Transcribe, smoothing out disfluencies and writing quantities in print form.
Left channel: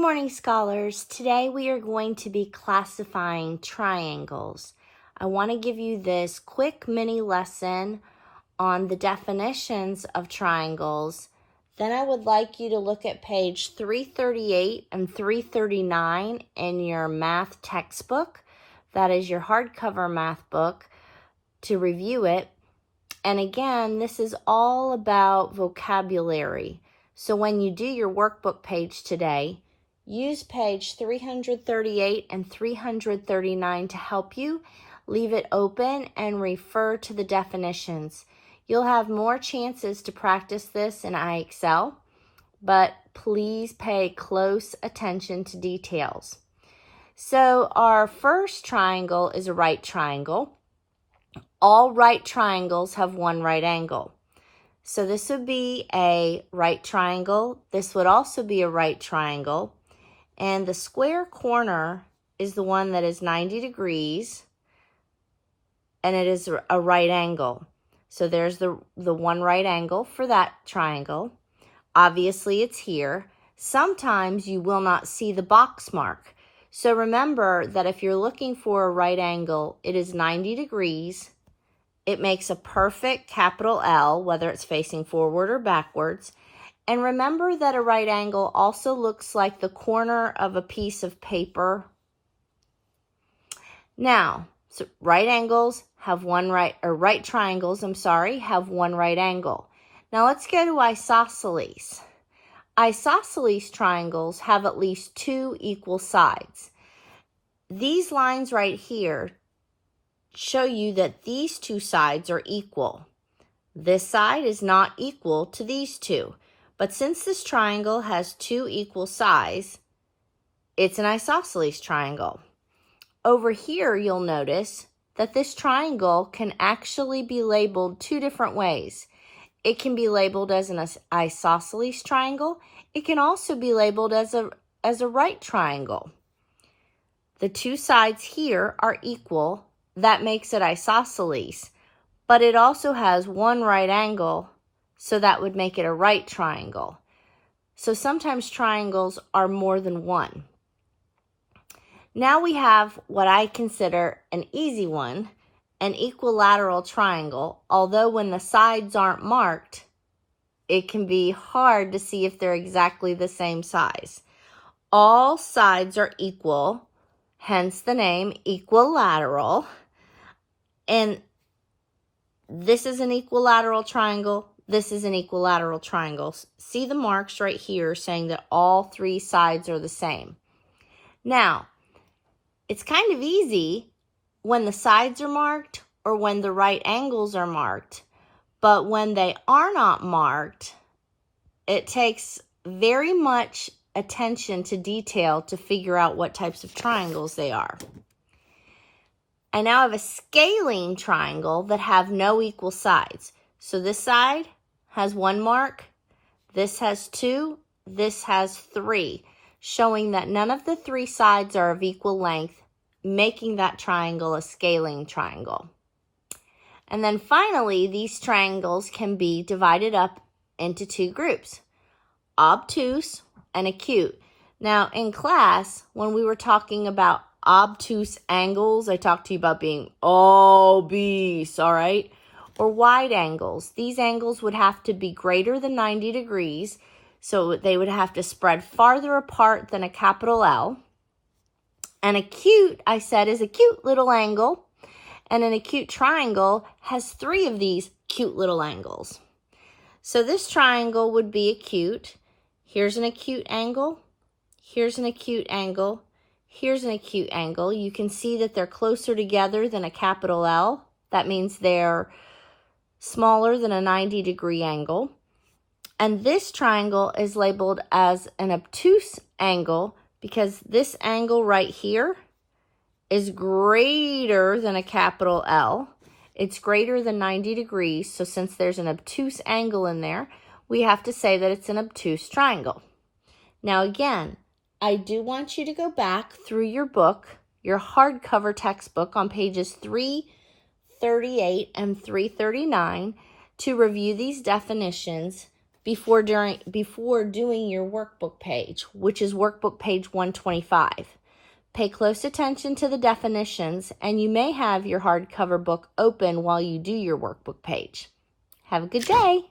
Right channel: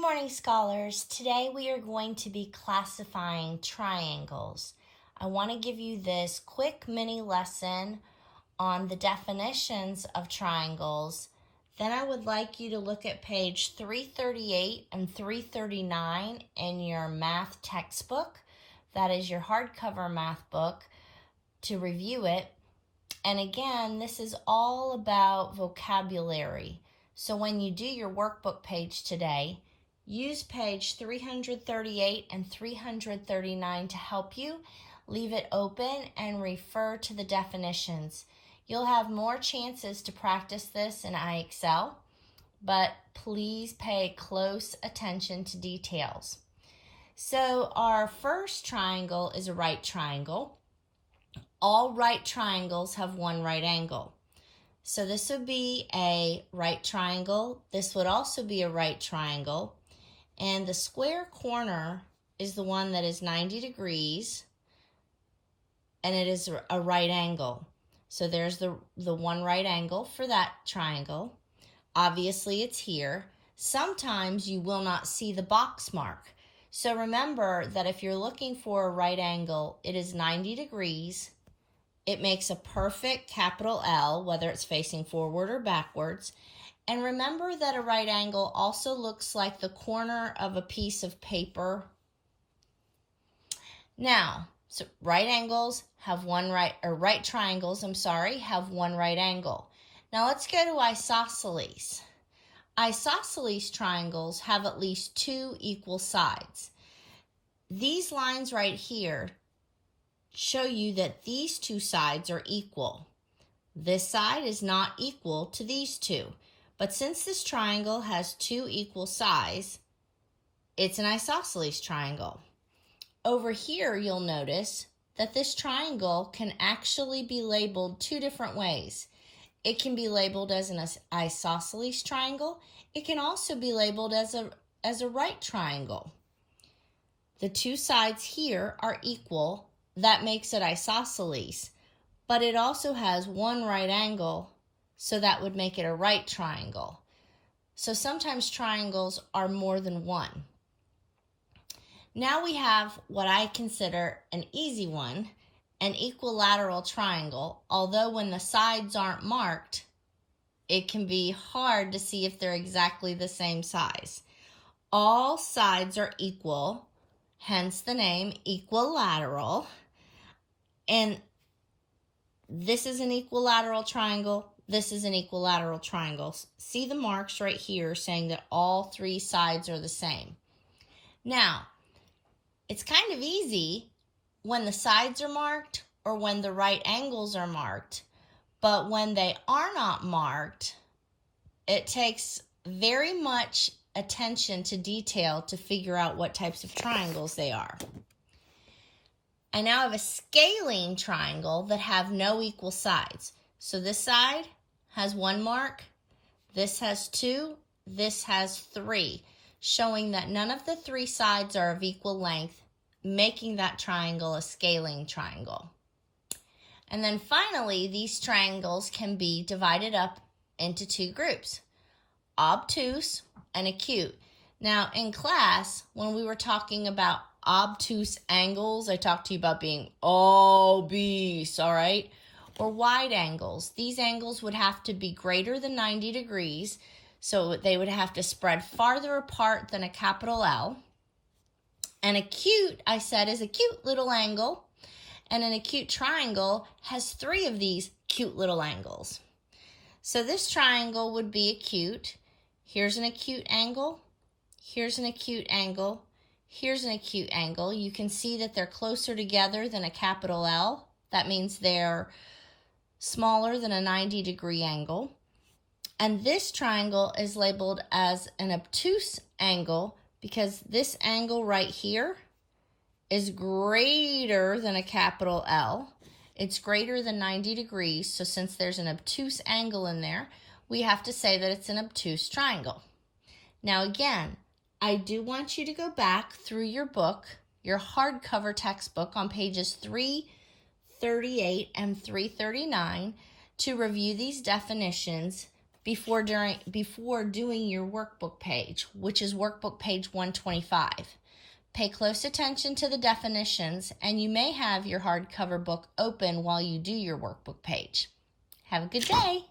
Good morning, scholars. Today we are going to be classifying triangles. I want to give you this quick mini lesson on the definitions of triangles. Then I would like you to look at page 338 and 339 in your math textbook. That is your hardcover math book, to review it. And again, this is all about vocabulary. So when you do your workbook page today, use page 338 and 339 to help you. Leave it open and refer to the definitions. You'll have more chances to practice this in IXL, but please pay close attention to details. So our first triangle is a right triangle. All right triangles have one right angle. So this would be a right triangle. This would also be a right triangle. And the square corner is the one that is 90 degrees, and it is a right angle. So there's the one right angle for that triangle. Obviously, it's here. Sometimes you will not see the box mark. So remember that if you're looking for a right angle, it is 90 degrees. It makes a perfect capital L, whether it's facing forward or backwards. And remember that a right angle also looks like the corner of a piece of paper. Now, so right triangles have one right angle. Now let's go to isosceles. Isosceles triangles have at least two equal sides. These lines right here show you that these two sides are equal. This side is not equal to these two. But since this triangle has two equal sides, it's an isosceles triangle. Over here, you'll notice that this triangle can actually be labeled two different ways. It can be labeled as an isosceles triangle. It can also be labeled as a right triangle. The two sides here are equal. That makes it isosceles. But it also has one right angle, so that would make it a right triangle. So sometimes triangles are more than one. Now we have what I consider an easy one, an equilateral triangle. Although when the sides aren't marked, it can be hard to see if they're exactly the same size. All sides are equal, hence the name equilateral. And this is an equilateral triangle. This is an equilateral triangle. See the marks right here saying that all three sides are the same. Now, it's kind of easy when the sides are marked or when the right angles are marked. But when they are not marked, it takes very much attention to detail to figure out what types of triangles they are. I now have a scalene triangle that have no equal sides. So this side has one mark, this has two, this has three, showing that none of the three sides are of equal length, making that triangle a scalene triangle. And then finally, these triangles can be divided up into two groups, obtuse and acute. Now in class, when we were talking about obtuse angles, I talked to you about being obese, all right? Or wide angles. These angles would have to be greater than 90 degrees, so they would have to spread farther apart than a capital L. And acute, I said, is a cute little angle, and an acute triangle has three of these cute little angles. So this triangle would be acute. Here's an acute angle. Here's an acute angle. Here's an acute angle. You can see that they're closer together than a capital L. That means they're smaller than a 90-degree angle. And this triangle is labeled as an obtuse angle because this angle right here is greater than a capital L. It's greater than 90 degrees. So since there's an obtuse angle in there, we have to say that it's an obtuse triangle. Now again, I do want you to go back through your book, your hardcover textbook on pages 338 and 339 to review these definitions, before doing your workbook page, which is workbook page 125. Pay close attention to the definitions, and you may have your hardcover book open while you do your workbook page. Have a good day.